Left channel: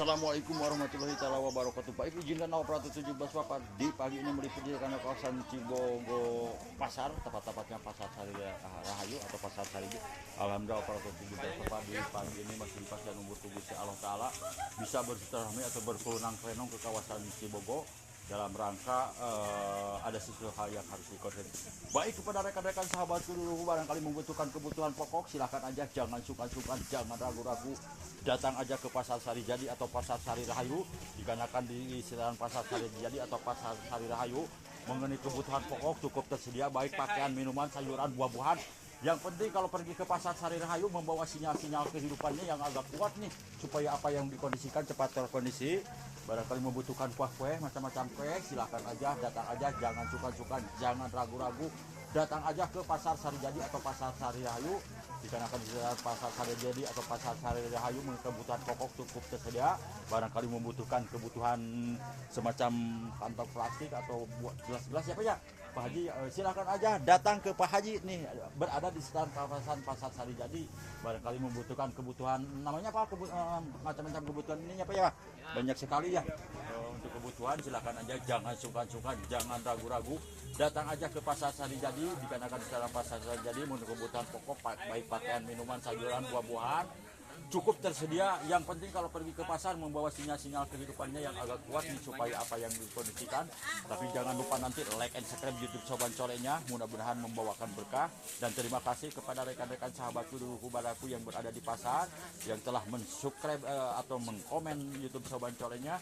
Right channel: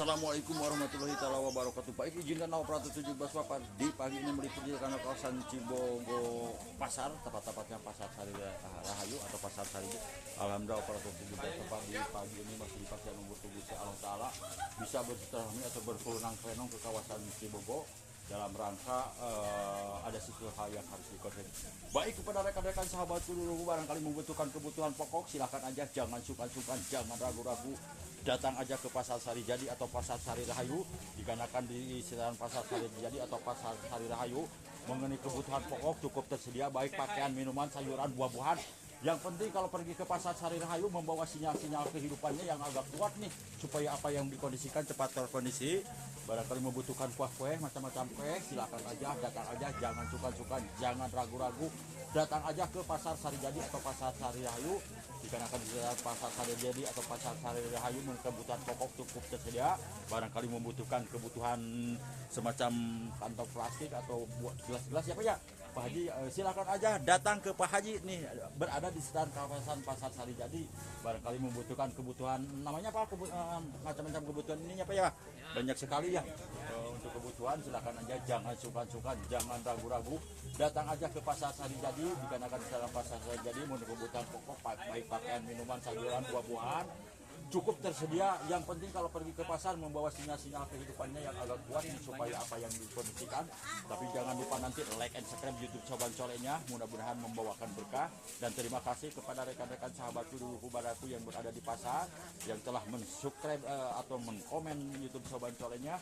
Assalamualaikum warahmatullahi wabarakatuh. Baik, izinkan operator 17 Bapak di pagi ini meliput di kawasan Cibogo Pasar, tepat-tepatnya Pasar Sari Rahayu atau Pasar Sari. Alhamdulillah operator 17 Bapak di pagi ini masih dipastikan umur tubuh Allah Ta'ala bisa bersilaturahmi atau berkelenang-kelenang ke kawasan Cibogo dalam rangka ada sesuatu hal yang harus dikonsumsi. Baik, kepada rekan-rekan sahabatku dulu barangkali membutuhkan kebutuhan pokok, silakan aja, jangan sungkan-sungkan, jangan ragu-ragu, datang aja ke Pasar Sari Jadi atau Pasar Sari Rahayu, dikarenakan di sekitaran Pasar Sari Jadi atau Pasar Sari Rahayu mengenai kebutuhan pokok cukup tersedia, baik pakaian, minuman, sayuran, buah-buahan. Yang penting kalau pergi ke Pasar Sari Rahayu membawa sinyal-sinyal kehidupannya yang agak kuat nih, supaya apa yang dikondisikan cepat terkondisi. Barangkali membutuhkan kue, macam-macam kue, silakan aja, datang aja, jangan sungkan-sungkan, jangan ragu-ragu, datang aja ke Pasar Sari Jadi atau Pasar Sari Rahayu. Dikarenakan di Pasar Sari Jadi atau Pasar Sari Rahayu kebutuhan pokok cukup tersedia. Barangkali membutuhkan kebutuhan semacam kantong plastik atau buat gelas-gelas siapa ya Pak Haji, silakan aja datang ke Pak Haji nih, berada di sekitar kawasan Pasar Sari Jadi. Barangkali membutuhkan kebutuhan namanya apa, macam-macam kebutuhan ini apa ya, banyak sekali ya. Untuk kebutuhan silakan aja, jangan sungkan-sungkan, jangan ragu-ragu, datang aja ke Pasar Sari Jadi. Dikarenakan di dalam Pasar Sari Jadi untuk kebutuhan pokok baik pakaian, minuman, sayuran, buah-buahan cukup tersedia. Yang penting kalau pergi ke pasar membawa sinyal-sinyal kehidupannya yang agak kuat nih, supaya apa yang dikondisikan. Tapi jangan lupa nanti like and subscribe YouTube Soban Colenya, mudah-mudahan membawakan berkah. Dan terima kasih kepada rekan-rekan sahabatku dulu kubaraku yang berada di pasar yang telah mensubscribe atau mengkomen YouTube Soban Colenya,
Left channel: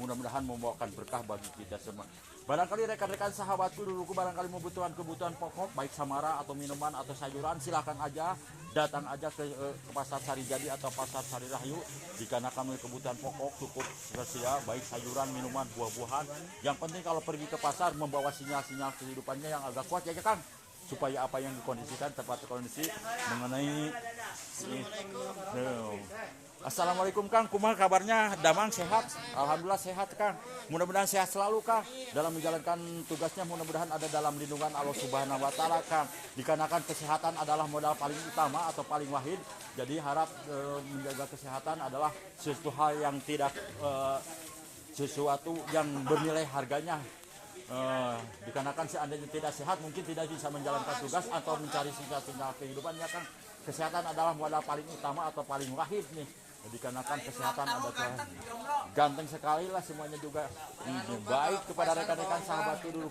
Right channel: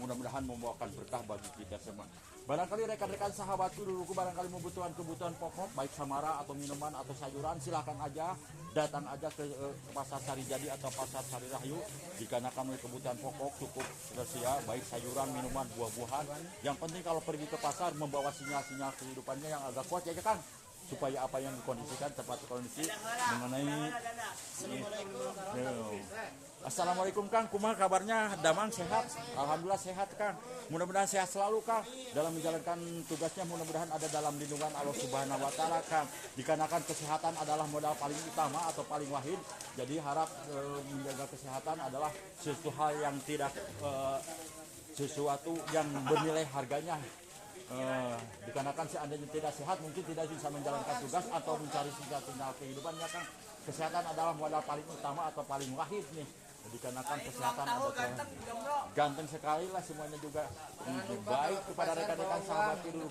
mudah-mudahan membawakan berkah bagi kita semua. Barangkali rekan-rekan sahabatku dulu barangkali membutuhkan kebutuhan pokok baik samara atau minuman atau sayuran, silakan aja, datang aja ke Pasar Sari Jadi atau Pasar Sari Rahayu. Dikarenakan kebutuhan pokok cukup tersedia, baik sayuran, minuman, buah-buahan. Yang penting kalau pergi ke pasar membawa sinyal-sinyal kehidupannya yang agak kuat ya kan, supaya apa yang dikondisikan tepat kondisi mengenai ini. Assalamualaikum Kang, kumaha kabarnya? Damang sehat? Alhamdulillah sehat Kang. Mudah-mudahan sehat selalu Kang. Dalam menjalankan tugasnya mudah-mudahan ada dalam lindungan Allah Subhanahu wa Ta'ala Kang. Dikarenakan kesehatan adalah modal paling utama atau paling wahid. Jadi harap menjaga kesehatan adalah sesuatu hal yang tidak sesuatu yang bernilai harganya. Dikarenakan seandainya tidak sehat mungkin tidak bisa menjalankan tugas atau mencari sinyal-sinyal kehidupannya kan. Kesehatan adalah modal paling utama atau paling wahid nih. Dikarenakan kesehatan ada ganteng sekali lah semuanya juga. Baik, kepada rekan-rekan sahabatku dulu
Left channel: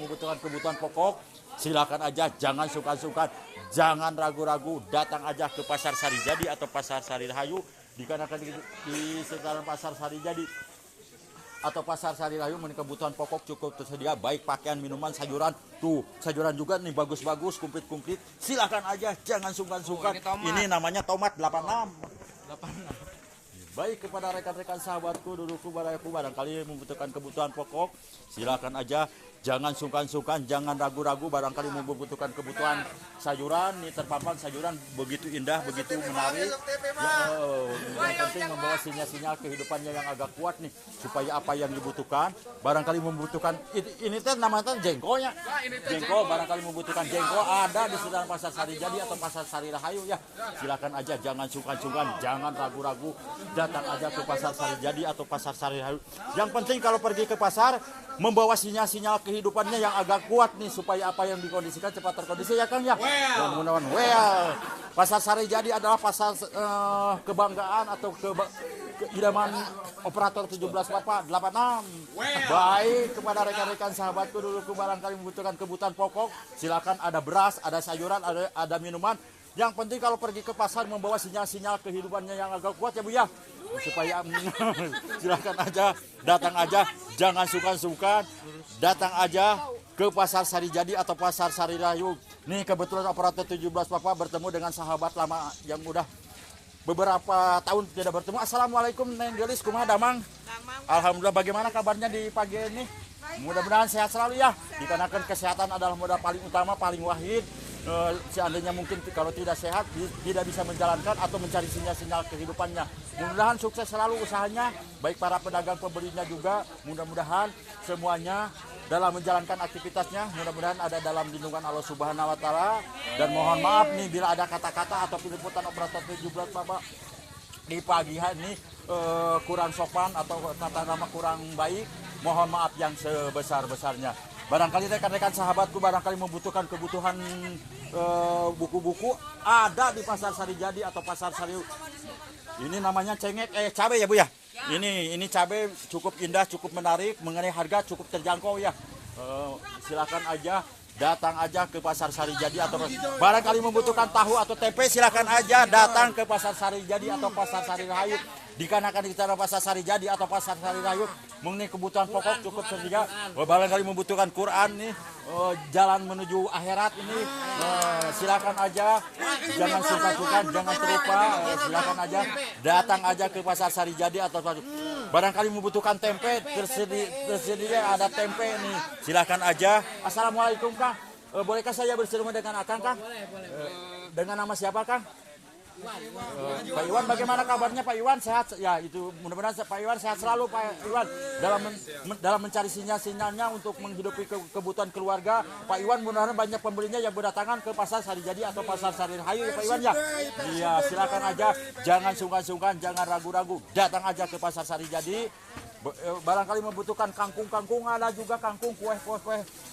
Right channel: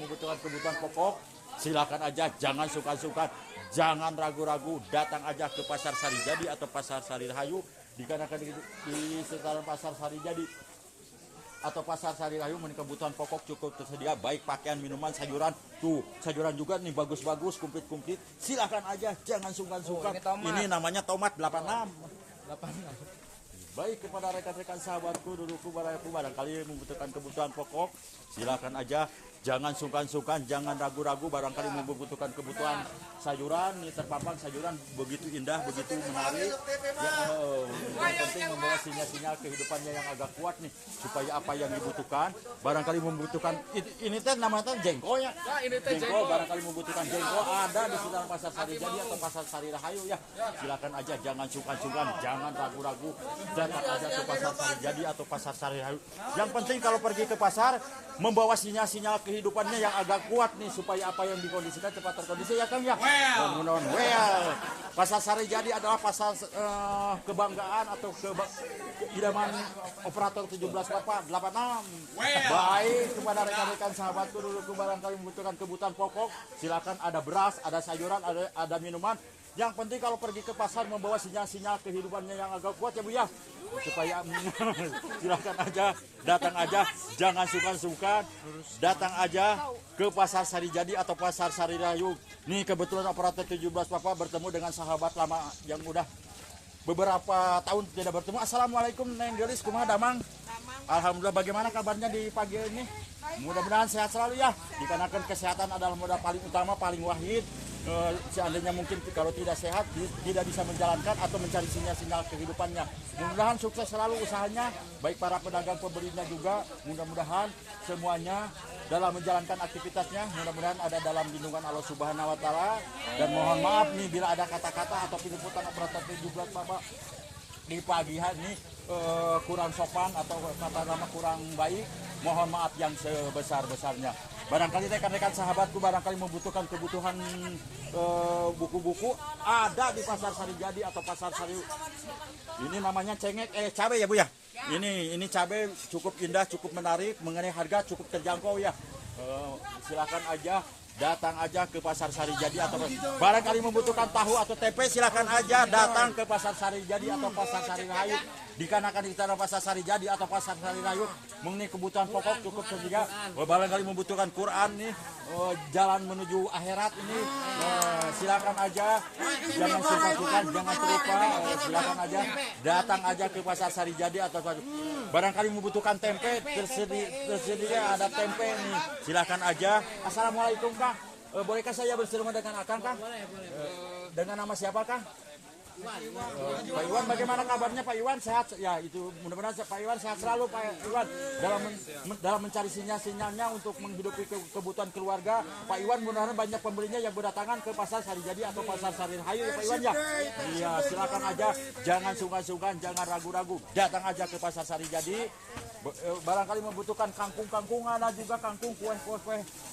membutuhkan kebutuhan pokok, silakan aja, jangan sungkan-sungkan, jangan ragu-ragu, datang aja ke Pasar Sari Jadi atau Pasar Sari Rahayu. Dikarenakan di sekitaran Pasar Sari Jadi atau Pasar Sari Rahayu kebutuhan pokok cukup tersedia, baik pakaian, minuman, sayuran. Tuh, sayuran juga nih bagus-bagus, komplit-komplit. Silakan aja, jangan sungkan-sungkan. Ini namanya tomat 86. Baik, kepada rekan-rekan sahabatku duluku barangkali membutuhkan kebutuhan pokok, silakan aja, jangan sungkan-sungkan, jangan ragu-ragu. Barangkali membutuhkan kebutuhan sayuran nih, terpampang sayuran begitu indah, begitu menarik. Yang penting membawa sinyal-sinyal kehidupannya yang agak kuat nih, supaya apa yang dibutuhkan. Barangkali membutuhkan ini teh namanya jengkolnya. Jengkol, barangkali membutuhkan jengkol ada di sekitar Pasar Sari Jadi atau Pasar Sari Rahayu ya. Silakan aja, jangan sungkan-sungkan, jangan ragu-ragu, datang aja ke Pasar Sari Jadi atau Pasar Sari Rahayu. Yang penting kalau pergi ke pasar membawa sinyal-sinyal kehidupannya yang agak kuat nih, supaya apa yang dikondisikan cepat terkondisi ya kan ya. Pasar Sari Jadi adalah pasar kebanggaan atau keidaman operator 17 Bapak 86. Baik, kepada rekan-rekan sahabatku dulu barangkali membutuhkan kebutuhan pokok, silakan, ada beras, ada sayuran, ada minuman. Yang penting kalau pergi ke pasar membawa sinyal-sinyal kehidupannya yang agak kuat ya Bu ya, supaya silakan aja, datang aja, jangan sungkan-sungkan, datang aja ke Pasar Sari Jadi atau Pasar Sari Rahayu. Nih kebetulan operator 17 Bapak bertemu dengan sahabat lama yang udah beberapa tahun tidak bertemu. Assalamualaikum Neng Gelis, kumaha Damang? Alhamdulillah, bagaimana kabarnya di pagi ini? Mudah-mudahan sehat selalu ya. Dikarenakan kesehatan adalah modal paling utama, paling wahid. Seandainya mungkin kalau tidak sehat tidak bisa menjalankan atau mencari sinyal-sinyal kehidupannya. Mudah-mudahan sukses selalu usahanya, baik para pedagang pembelinya juga. Mudah-mudahan semuanya dalam menjalankan aktivitasnya, mudah-mudahan ada dalam lindungan Allah Subhanahu wa Ta'ala. Dan mohon maaf nih bila ada kata-kata atau peliputan operator 17 Bapak di pagi hari ini kurang sopan atau kata nama kurang baik, mohon maaf yang sebesar-besarnya. Barangkali rekan-rekan sahabatku barangkali membutuhkan kebutuhan buku-buku ada di Pasar Sari Jadi atau Pasar Sari. Ini namanya cengek cabai ya Bu ya. Ini cabai cukup indah, cukup menarik, mengenai harga cukup terjangkau ya. Silakan aja datang aja ke Pasar Sari Jadi atau barangkali membutuhkan tahu atau tempe silakan aja datang ke Pasar Sari Jadi atau Pasar Sari Rahayu. Dikarenakan di sana Pasar Sari Jadi atau Pasar Sari Rahayu mengenai kebutuhan pokok cukup tersedia. Barangkali membutuhkan Quran nih, jalan menuju akhirat ini, silakan aja, jangan sungkan-sungkan, jangan terlupa, silakan aja datang aja ke Pasar Sari Jadi atau barangkali membutuhkan tempe tersedia ada tempe nih, silakan aja. Assalamualaikum Kang, bolehkah saya bersama dengan Akang Kang? Dengan nama siapa Kang? Pak Iwan, bagaimana kabarnya Pak Iwan? Sehat ya, itu mudah-mudahan Pak Iwan sehat selalu Pak Iwan dalam mencari sinyal-sinyalnya untuk menghidupi kebutuhan keluarga. Pak Iwan mudah-mudahan banyak pembelinya yang berdatangan ke Pasar Sari Jadi atau Pasar Sari Rahayu ya Pak Iwan ya. Iya, silakan aja, jangan sungkan-sungkan, jangan ragu-ragu, datang aja ke Pasar Sari Jadi. Barangkali membutuhkan kangkung ada juga kangkung kue,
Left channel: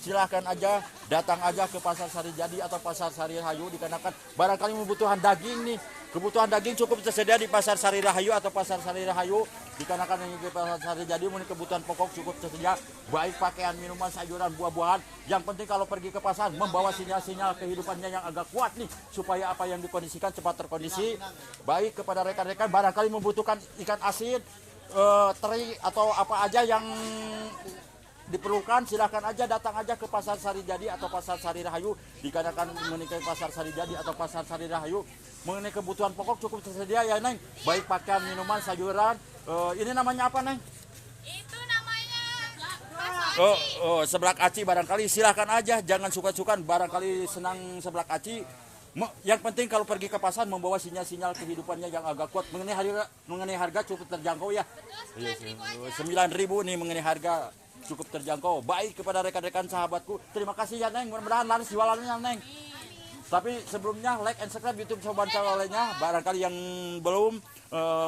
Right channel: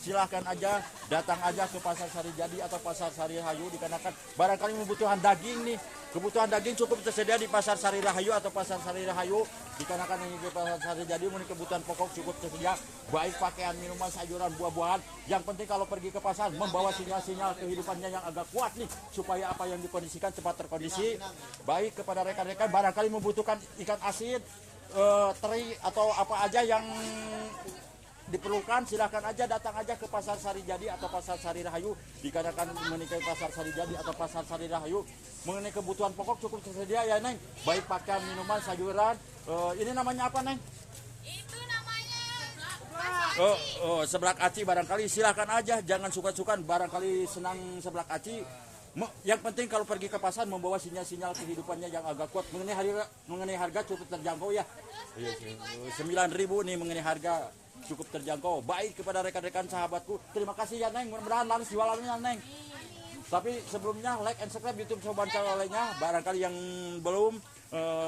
silahkan aja datang aja ke Pasar Sari Jadi atau Pasar Sari Rahayu. Dikarenakan barangkali membutuhkan daging nih, kebutuhan daging cukup tersedia di Pasar Sari Rahayu atau Pasar Sari Rahayu. Dikarenakan ini di Pasar Sari Jadi mengenai kebutuhan pokok cukup tersedia, baik pakaian, minuman, sayuran, buah-buahan. Yang penting kalau pergi ke pasar membawa sinyal-sinyal kehidupannya yang agak kuat nih, supaya apa yang dikondisikan cepat terkondisi. Baik kepada rekan-rekan barangkali membutuhkan ikan asin, teri atau apa aja yang diperlukan, silakan aja datang aja ke Pasar Sari Jadi atau Pasar Sari Rahayu. Dikarenakan mengenai Pasar Sari Jadi atau Pasar Sari Rahayu mengenai kebutuhan pokok cukup tersedia ya Neng, baik pakaian, minuman, sayuran. Ini namanya apa Neng? Itu namanya seblak aci. Barangkali silakan aja, jangan suka-sukan, barangkali senang seblak aci. Yang penting kalau pergi ke pasar membawa sinyal-sinyal kehidupannya yang agak kuat. Mengenai harga cukup terjangkau ya. 9.000 nih mengenai harga cukup terjangkau. Baik kepada rekan-rekan sahabatku, terima kasih ya Neng, mudah-mudahan laris jualannya Neng. Tapi sebelumnya like and subscribe YouTube Soban Calolenya. Barangkali yang belum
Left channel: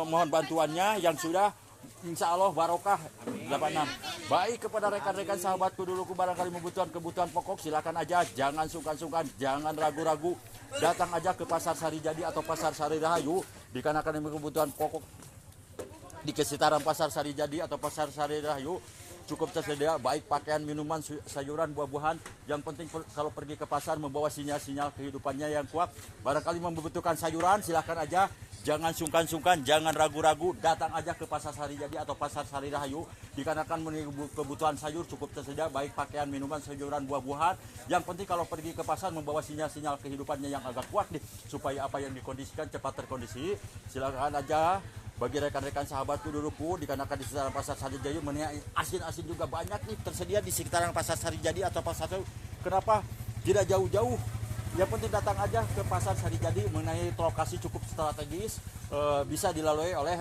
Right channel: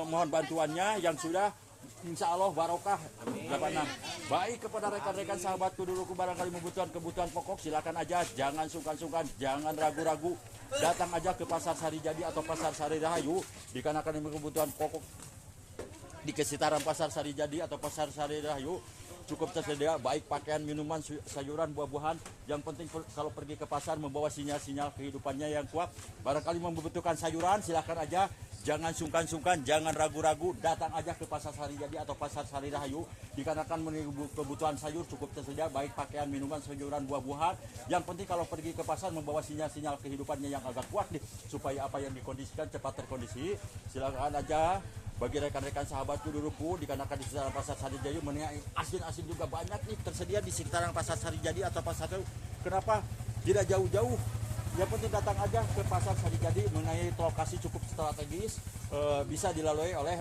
mohon bantuannya, yang sudah insya Allah barokah. Baik kepada rekan-rekan sahabatku dulu, barangkali membutuhkan kebutuhan pokok silakan aja, jangan sungkan-sungkan, jangan ragu-ragu, datang aja ke Pasar Sari Jadi atau Pasar Sari Rahayu. Dikarenakan kebutuhan pokok di sekitaran Pasar Sari Jadi atau Pasar Sari Rahayu cukup tersedia, baik pakaian, minuman, sayuran, buah-buahan. Yang penting kalau pergi ke pasar membawa sinyal-sinyal kehidupannya yang kuat. Barangkali membutuhkan sayuran silahkan aja, jangan sungkan-sungkan, jangan ragu-ragu, datang aja ke Pasar Sari Jadi atau Pasar Sari Rahayu. Dikarenakan kebutuhan sayur cukup tersedia, baik pakaian, minuman, sayuran, buah-buahan. Yang penting kalau pergi ke pasar membawa sinyal-sinyal kehidupannya yang agak kuat nih, supaya apa yang dikondisikan cepat terkondisi. Silakan aja bagi rekan-rekan sahabatku duluku, dikarenakan di sekitaran Pasar Sari Jadi mengenai asin-asin juga banyak nih tersedia di sekitaran Pasar Sari Jadi atau Pasar Sari. Kenapa tidak jauh-jauh? Yang penting datang aja ke Pasar Sari Jadi mengenai lokasi cukup strategis, bisa dilalui oleh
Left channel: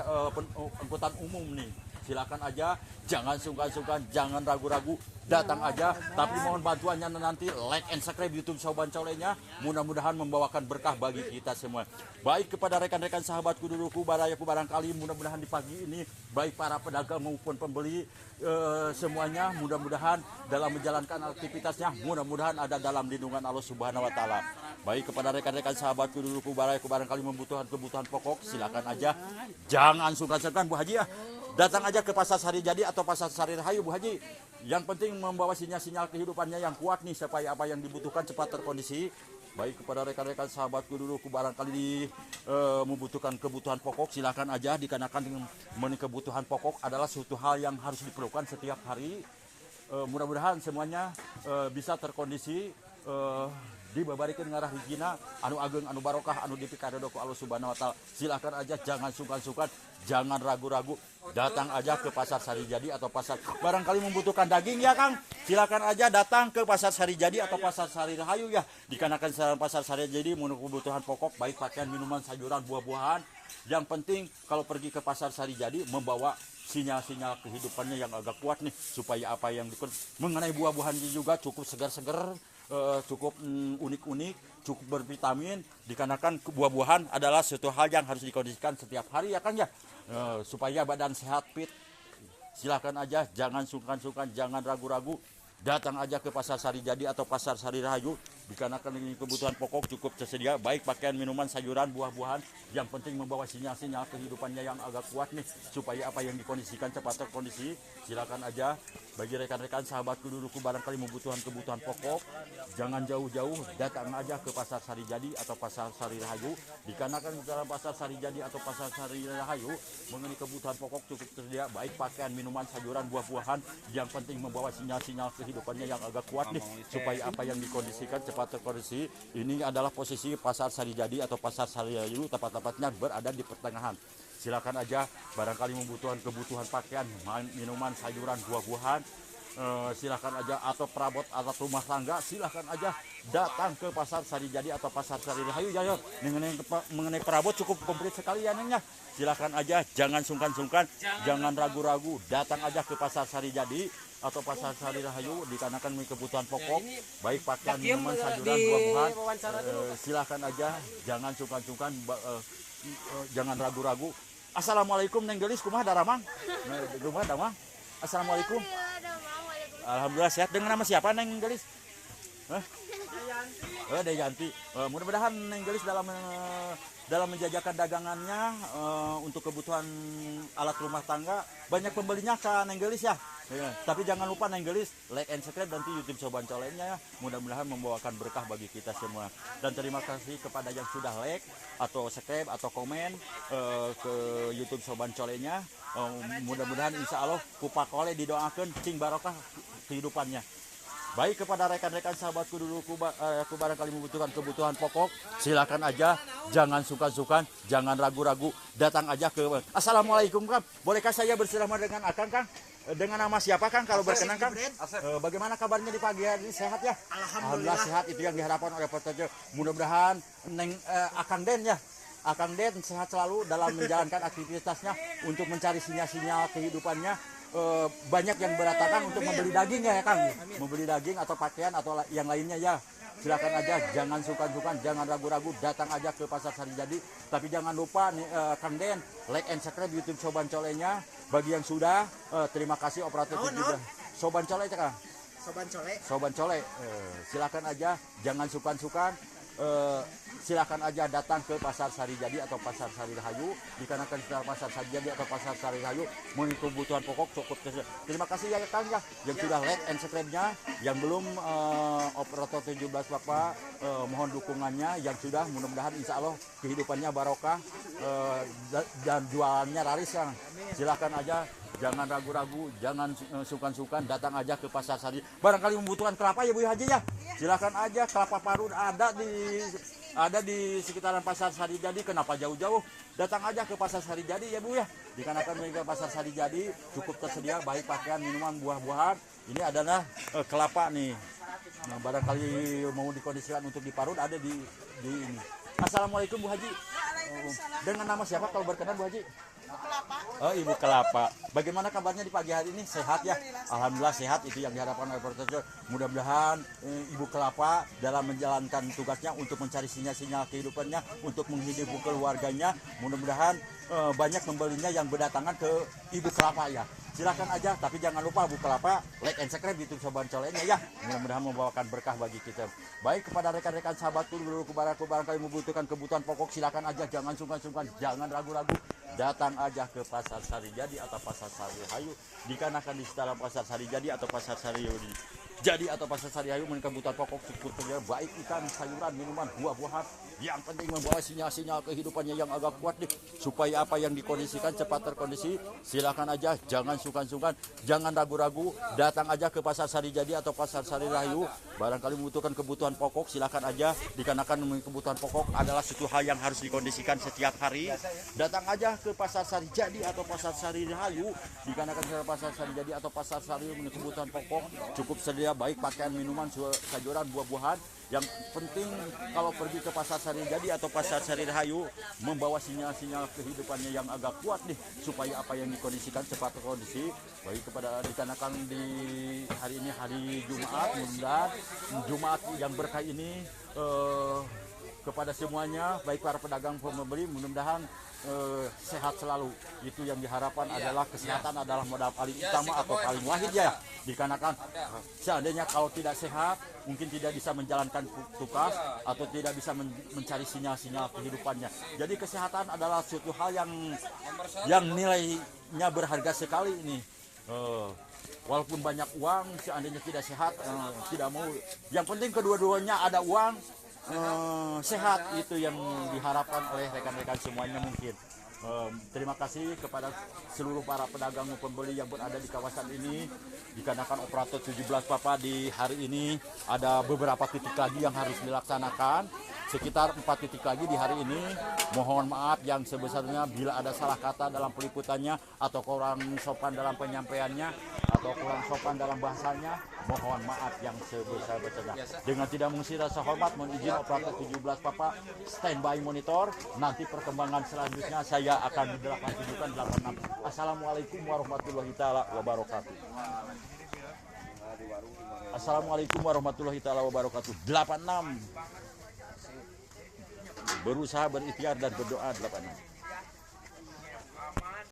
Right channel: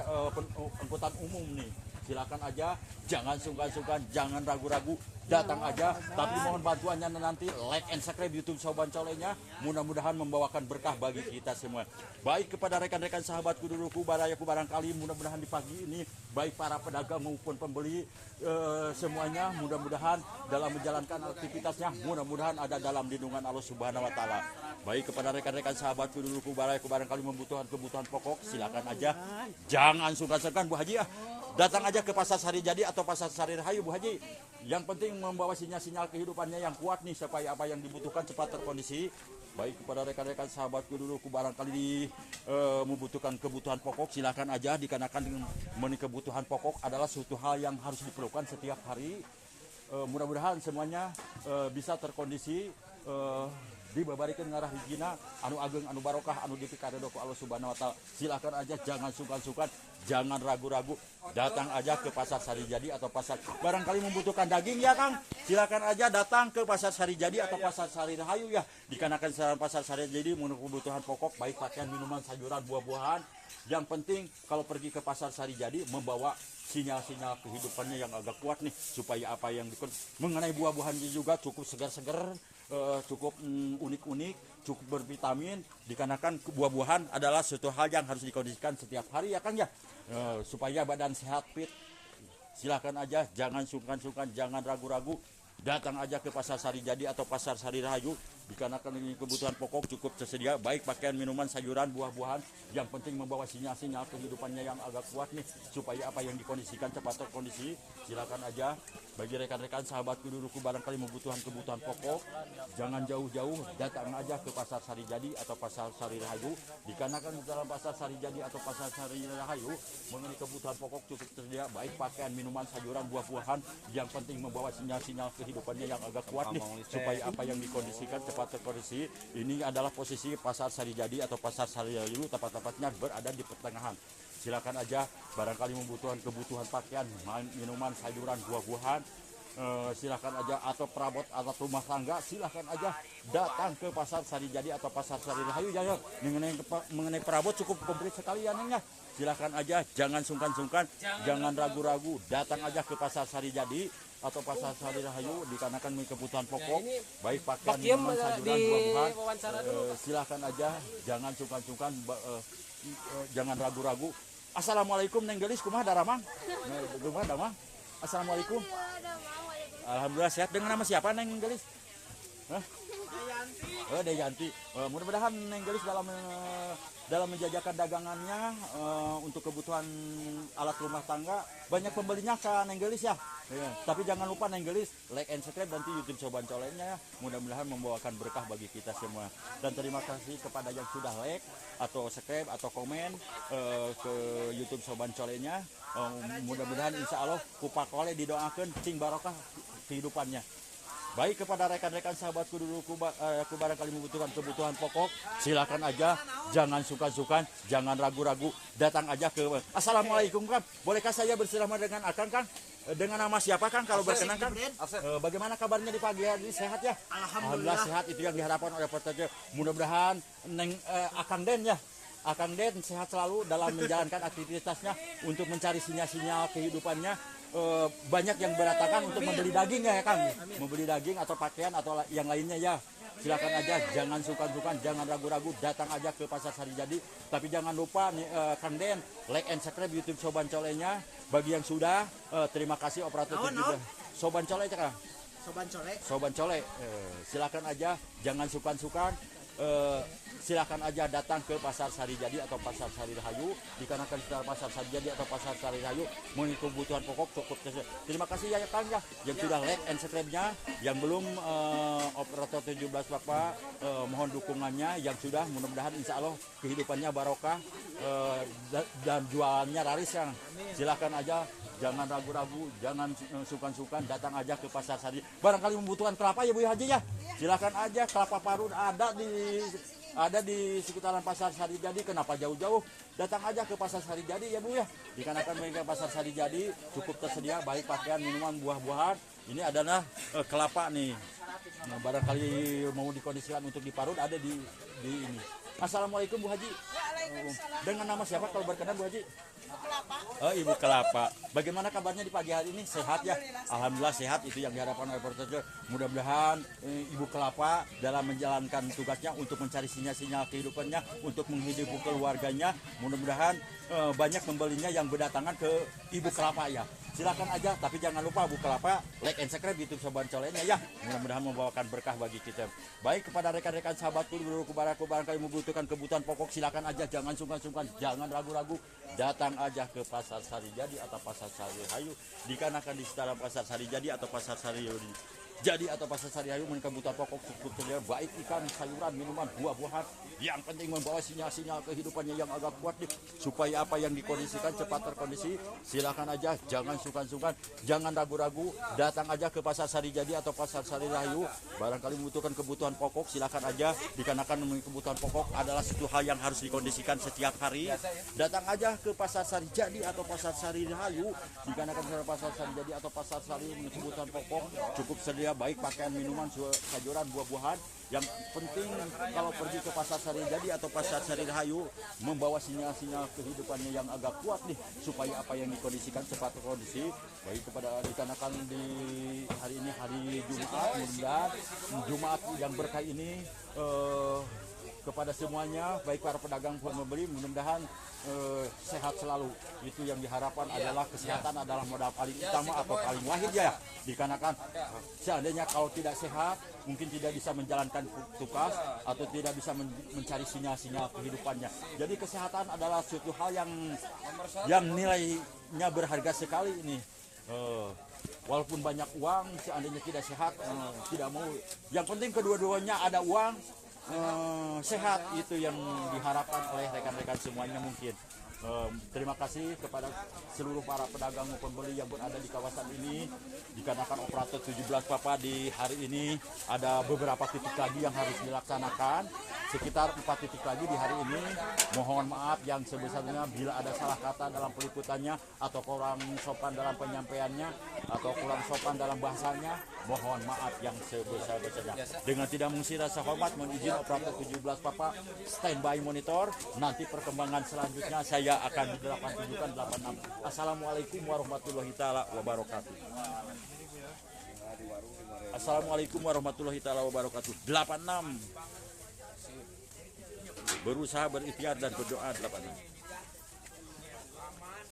angkutan umum nih. Silakan aja, jangan sungkan-sungkan, jangan ragu-ragu, datang aja. Tapi mohon bantuannya nanti like and subscribe YouTube Soban Colenya. Mudah-mudahan membawakan berkah bagi kita semua. Baik kepada rekan-rekan sahabatku duluku, barayaku barangkali mudah-mudahan di pagi ini baik para pedagang maupun pembeli semuanya mudah-mudahan dalam menjalankan aktivitasnya mudah-mudahan ada dalam lindungan Allah Subhanahu wa taala. Baik kepada rekan-rekan sahabatku duluku, barayaku barangkali membutuhkan kebutuhan pokok silakan aja. Jangan sungkan-sungkan Bu Haji ya. Datang aja ke Pasar Sari Jadi atau Pasar Sari Rahayu Bu Haji. Yang penting membawa sinyal-sinyal kehidupannya yang kuat nih, supaya apa yang dibutuhkan cepat terkondisi. Baik kepada rekan-rekan sahabatku dulu, barangkali membutuhkan kebutuhan pokok silakan aja. Dikarenakan mengenai kebutuhan pokok adalah suatu hal yang harus diperlukan setiap hari. Mudah-mudahan semuanya bisa terkondisi, dibabarikan ngarah hijina anu ageng anu barokah anu dipikadodo ku Allah Subhanahu wa taala. Silakan aja, jangan sungkan-sungkan, jangan ragu-ragu, datang aja ke Pasar Sari Jadi atau Pasar. Barangkali membutuhkan daging ya Kang, silakan aja datang ke Pasar Sari Jadi atau Pasar Sari Rahayu ya. Dikarenakan Pasar Sari Jadi menurut kebutuhan pokok baik pakaian, minuman, sayuran, buah-buahan. Yang penting kalau pergi ke Pasar Sari Jadi membawa sinyal-sinyal kehidupannya yang agak kuat nih, supaya apa yang mengenai buah-buahan juga cukup segar-segar, cukup unik-unik, cukup bervitamin, dikarenakan buah-buahan adalah suatu hal yang harus dikondisikan setiap hari ya Kang ya, supaya badan sehat fit. Silahkan aja, jangan sungkan-sungkan, jangan ragu-ragu, datang aja ke Pasar Sari Jadi atau Pasar Sari Rahayu, dikarenakan ini kebutuhan pokok cukup tersedia, baik pakaian, minuman, sayuran, buah-buahan. Yang penting membawa sinyal-sinyal kehidupannya yang agak kuat nih, supaya apa yang dikondisikan cepat terkondisi. Silakan aja bagi rekan-rekan sahabatku duduku barangkali membutuhkan kebutuhan pokok, jangan jauh-jauh, datang aja ke Pasar Sari Jadi atau Pasar Sari Rahayu, dikarenakan di dalam Pasar Sari Jadi atau Pasar Sari Rahayu mengenai kebutuhan pokok cukup tersedia, baik pakaian, minuman, sayuran, buah-buahan. Yang penting membawa sinyal-sinyal kehidupannya yang agak kuat nih, supaya apa yang dikondisikan cepat terkondisi. Ini adalah posisi Pasar Sari Jadi atau Pasar Sari Rahayu, tepat-tepatnya berada di pertengahan. Silakan aja barangkali membutuhkan kebutuhan pakaian, minuman, sayuran, buah-buahan, silakan aja, atau perabot alat rumah tangga, silakan aja datang ke Pasar Sari Jadi atau Pasar Sari Rahayu ya. Mengenai perabot cukup komplit sekali ya Nengnya. Silakan aja, jangan sungkan-sungkan, jangan ragu-ragu, datang aja ke Pasar Sari Jadi atau Pasar Sari Rahayu, dikarenakan kebutuhan pokok, baik pakaian, minuman, sayuran, buah-buahan. Silakan aja, jangan sungkan-sungkan, jangan ragu-ragu. Assalamualaikum Neng Gelis, kumaha daramang? Kumaha damang? Assalamualaikum. Alhamdulillah sehat. Dengan nama siapa Neng Gelis? Dayanti. Mudah-mudahan Neng Gelis dalam menjajakan dagangannya untuk kebutuhan alat rumah tangga banyak pembelinya ke Neng Gelis ya. Tapi jangan lupa Neng Gelis like and subscribe nanti YouTube Soban Colenya ya. Mudah-mudahan membawakan berkah bagi kita semua. Dan terima kasih kepada yang sudah like atau subscribe atau komen ke YouTube Soban Colenya. Mudah-mudahan insya Allah kupak oleh didoakan cing barokah kehidupannya. Baik kepada rekan-rekan sahabatku dulu, aku barangkali membutuhkan kebutuhan pokok, silakan aja, jangan sungkan-sungkan, jangan ragu-ragu, datang aja ke. Assalamualaikum Kang, bolehkah saya bersama dengan Akang Kang? Dengan nama siapa Kang kalau berkenan Kang? Bagaimana kabarnya di pagi hari ini, sehat ya? Alhamdulillah sehat, itu yang diharapkan oleh peserta. Mudah-mudahan Akang Den ya, Akang Den sehat selalu dalam menjalankan aktivitasnya untuk mencari sinyal-sinyal kehidupannya. Banyak yang beratakan untuk membeli daging ya Kang, membeli daging atau pakaian atau yang lainnya ya. Silakan aja, jangan sungkan-sungkan, jangan ragu-ragu, datang aja ke Pasar Sari Jadi. Tapi jangan lupa nih, Kang Den, like and subscribe YouTube Soban Colenya. Bagi yang sudah, terima kasih operator juga. Soban Cole Kang. Soban Cole. Silakan aja, jangan sungkan-sungkan. Silakan aja datang ke Pasar Sari Jadi atau Pasar Sari Rahayu, dikarenakan setelah Pasar Sari Jadi atau Pasar Sari Rahayu memiliki kebutuhan pokok cukup tersedia. Terima kasih ya Kang ya yang sudah like and subscribe-nya, yang belum operator 17 Bapak mohon dukungannya, yang sudah mudah-mudahan insya Allah kehidupannya barokah dan jualannya laris Kang. Silakan aja, jangan ragu-ragu, jangan sungkan-sungkan, datang aja ke Pasar Sari. Barangkali membutuhkan kelapa ya Bu Haji ya, silakan aja, kelapa parut ada di sekitaran Pasar Sari Jadi. Kenapa jauh-jauh? Datang aja ke Pasar Sari Jadi ya Bu ya, dikarenakan mereka Pasar Sari Jadi cukup tersedia, baik pakaian, minuman, buah-buahan. Ini adalah kelapa nih. Nah, barangkali mau dikondisikan untuk diparut ada di ini. Assalamualaikum Bu Haji. Dengan nama siapa kalau berkenan Bu Haji? Ibu Kelapa. Bagaimana kabarnya di pagi hari ini? Sehat ya? Alhamdulillah sehat, itu yang diharapkan oleh peserta. Mudah-mudahan Ibu Kelapa dalam menjalankan tugasnya untuk mencari sinyal-sinyal kehidupannya, untuk menghidupi keluarganya. Mudah-mudahan banyak pembelinya yang berdatangan ke Ibu Kelapa ya. Silakan aja, tapi jangan lupa Bu Kelapa like and subscribe YouTube Soban Colenya ya. Mudah-mudahan membawakan berkah bagi kita. Baik kepada rekan-rekan sahabatku dulu barangkali membutuhkan kebutuhan pokok, silakan aja, jangan sungkan-sungkan, jangan ragu-ragu. Datang aja ke Pasar Sari Jadi atau Pasar Sari Rahayu, dikarenakan di dalam Pasar Sari Jadi atau Pasar Sari Jadi atau Pasar Sari Rahayu mengenai kebutuhan pokok cukup tersedia, baik ikan, sayuran, minuman, buah-buahan. Yang penting membawa sinyal-sinyal kehidupannya yang agak kuat nih, supaya apa yang dikondisikan cepat terkondisi. Silakan aja, jangan sungkan-sungkan, jangan ragu-ragu, datang aja ke Pasar Sari Jadi atau Pasar Sari Rahayu. Barangkali membutuhkan kebutuhan pokok, silakan aja, dikarenakan kebutuhan pokok adalah suatu hal yang harus dikondisikan setiap hari. Datang aja ke Pasar Sari Jadi atau Pasar Sari Rahayu, dikarenakan Pasar Sari Jadi atau Pasar Sari memiliki kebutuhan pokok cukup sedia, baik pakaian, minuman, sayuran, buah-buahan. Yang penting kalau pergi ke Pasar Sari Jadi atau Pasar Sari Rahayu membawa sinyal-sinyal kehidupannya yang agak kuat nih, supaya apa yang dikondisikan cepat terkondisi. Baik kepada dikarenakan di hari ini hari Jumat, mudah Jumat yang berkah ini kepada semuanya, baik para pedagang maupun pembeli, mudah-mudahan sehat selalu. Itu yang diharapkan adalah kesehatan adalah modal paling utama atau paling wahid ya. Dikarenakan seandainya kalau tidak sehat, mungkin tidak bisa menjalankan tugas atau tidak bisa mencari sinyal-sinyal kehidupannya. Jadi kesehatan adalah suatu hal yang nilainya berharga sekali ini. Walaupun banyak uang, seandainya tidak sehat, tidak mau. Yang penting kedua-duanya ada uang, sehat, itu yang diharapkan oleh rekan-rekan semuanya mungkin. Terima kasih kepada seluruh para pedagang maupun pembeli yang berada di kawasan ini. Dikarenakan operator 17 Papa di hari ini ada beberapa titik lagi yang harus dilaksanakan, sekitar 4 titik lagi di hari ini. Mohon maaf yang sebesarnya bila ada salah kata dalam peliputannya atau kurang sopan dalam penyampaiannya atau kurang sopan dalam bahasanya, mohon maaf yang sebesar-besarnya. Dengan tidak mengisi rasa hormat, mohon izin operator 17 Papa standby monitor. Nanti perkembangan selanjutnya saya akan di 87 86. Assalamualaikum warahmatullahi taala wabarakatuh. Assalamualaikum warahmatullahi taala wabarakatuh. 86. Berusaha berikhtiar dan berdoa 86.